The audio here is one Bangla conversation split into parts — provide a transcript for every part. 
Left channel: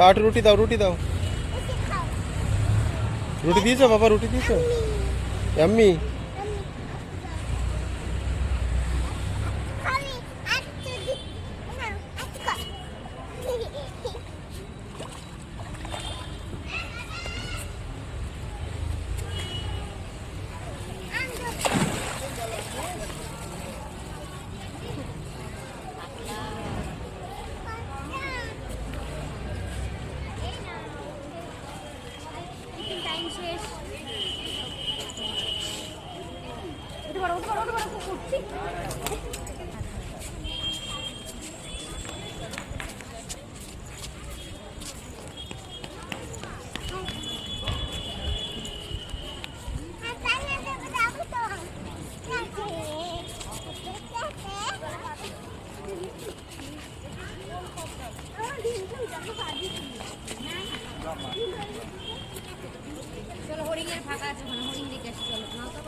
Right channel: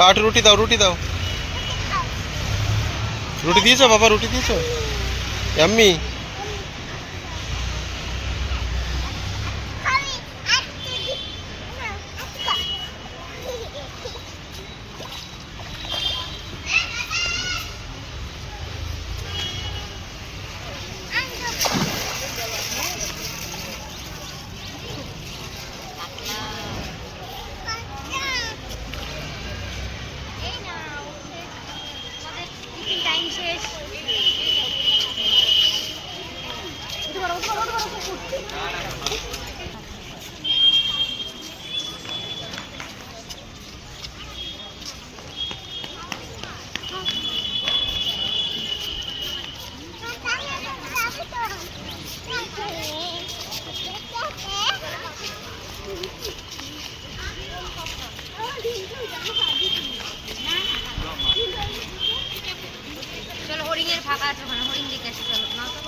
आठ रोटी दाओ रोटी दाओ रोटी दिए बाबा रोटी दिए यम्मी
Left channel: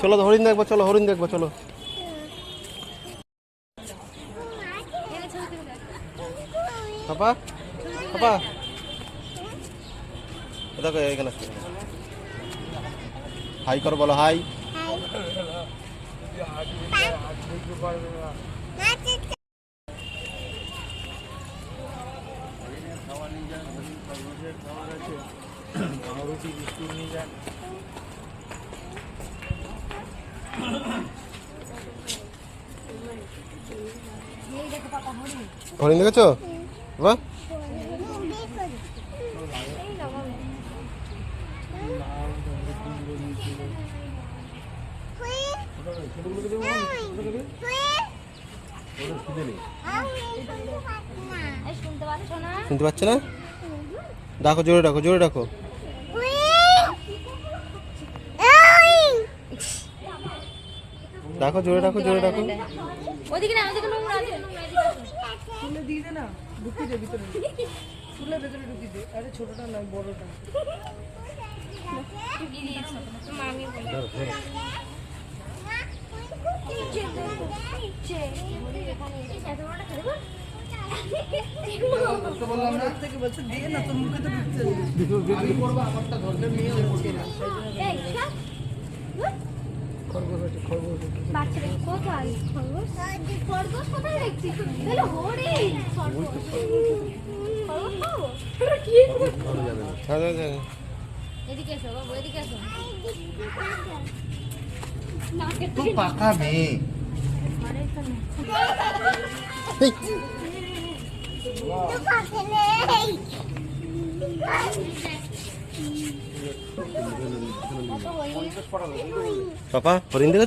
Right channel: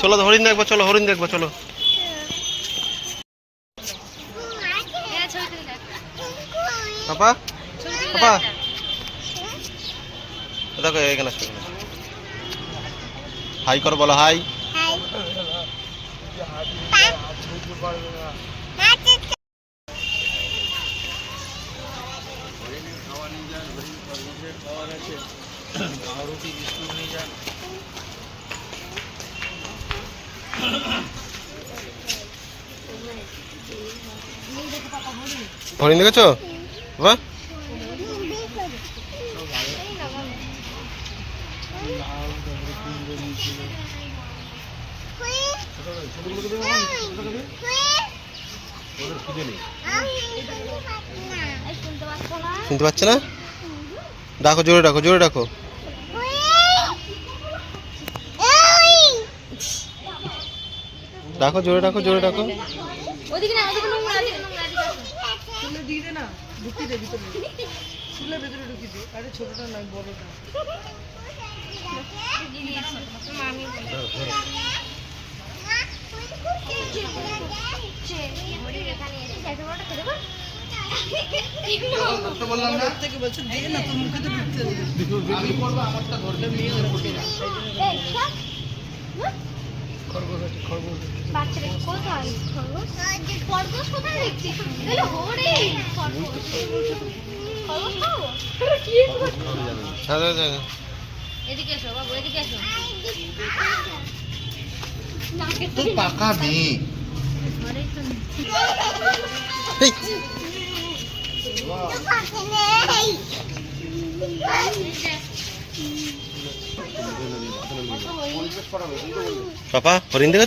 चलो हरिण देखो चलो हरिण देखो चलो पापा पापा देखो এখানে हाई करो बोलो हाई रोटी बिस्कुट नहीं जा हरिण देखो बाबा শুনতে পাচ্ছে না ডাকো জোরে ডাকো ডাকো জোরে ডাকো ওদিকে না ওদিকে দিয়ে দে না ঢুকিয়ে দে ভিতরে চুলের ভিতরে ঢুকিয়ে দে আরে ছোটটা নয় বড়টা মামি তো বললাম না থেকে বলছো দিয়ে না তুমি মুখে তো ঢুকতে আমি করব আমারটা ধরলে নিয়ে যাবে খরগোশ বাচ্চারা কোথায় খরগোশ কোথায় দেখছি তাহলে হরে কি দাদা এদিকে এসো বাবু এদিকে এসো তো পাকা মেয়ে पापा हरिण देखो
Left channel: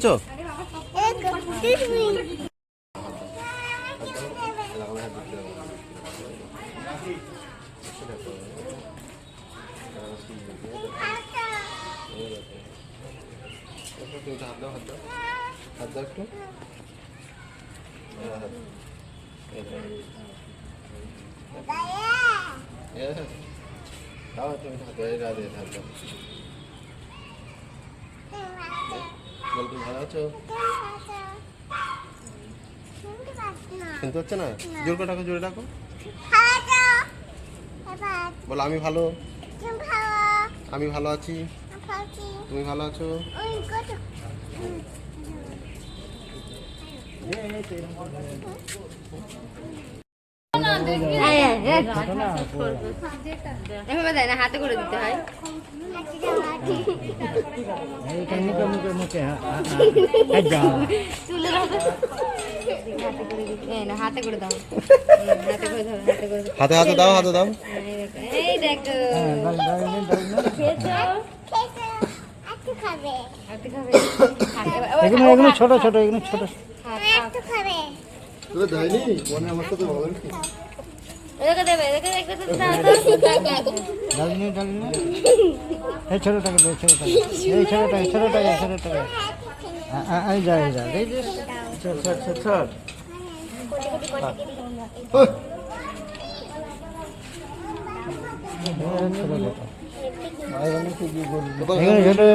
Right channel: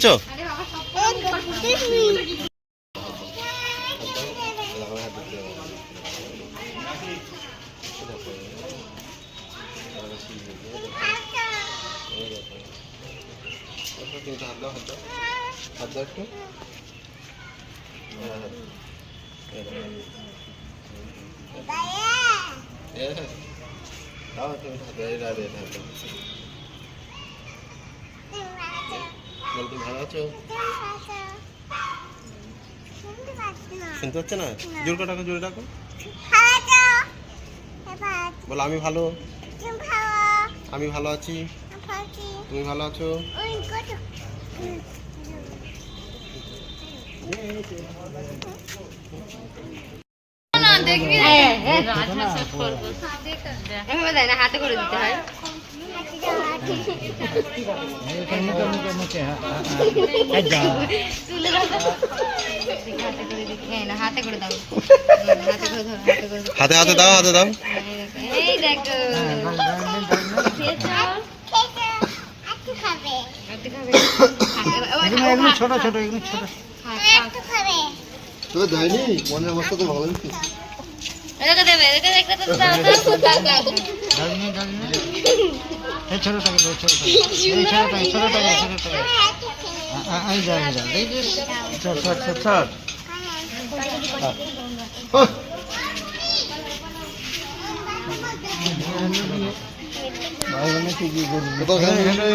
हाथ दो একটু দাও তুমি হাত দে হাত দাও বল তুমি ভালো আছো শুনতে পাচ্ছে না জোরে ডাকো বলো আমি ভালো আছি তুমি ভালো আছো দেখবি এভাবে দেয় না, হাতে করে দিতে হয়। তুলে রাখো। হাতে করে দিতে, এই না, হাতে করে দাও। হাতে করে ধরো, হাতে করে ধরো। হাতে হাতে দাও, হাতে দাও। এই দেখো খেয়েছো? আজকে খাবে। এগুলো ছোট ছোট, এগুলো ছোট। তোকে দেয়নি মনের অবস্থা তো ভালো হয়েছে এদিকে দেবে, এদিকে দাও। ডালিনি ডালিনি এই ছোটটাকে দে, ছোটটাকে এই ছোটটাকে ছোটটাকে ছোটটাকে এই যা এই যা এই যে ছাড় ছাড় ছাড় ছাড়। ভাই বলে কি কি করবি কোথাও এখানে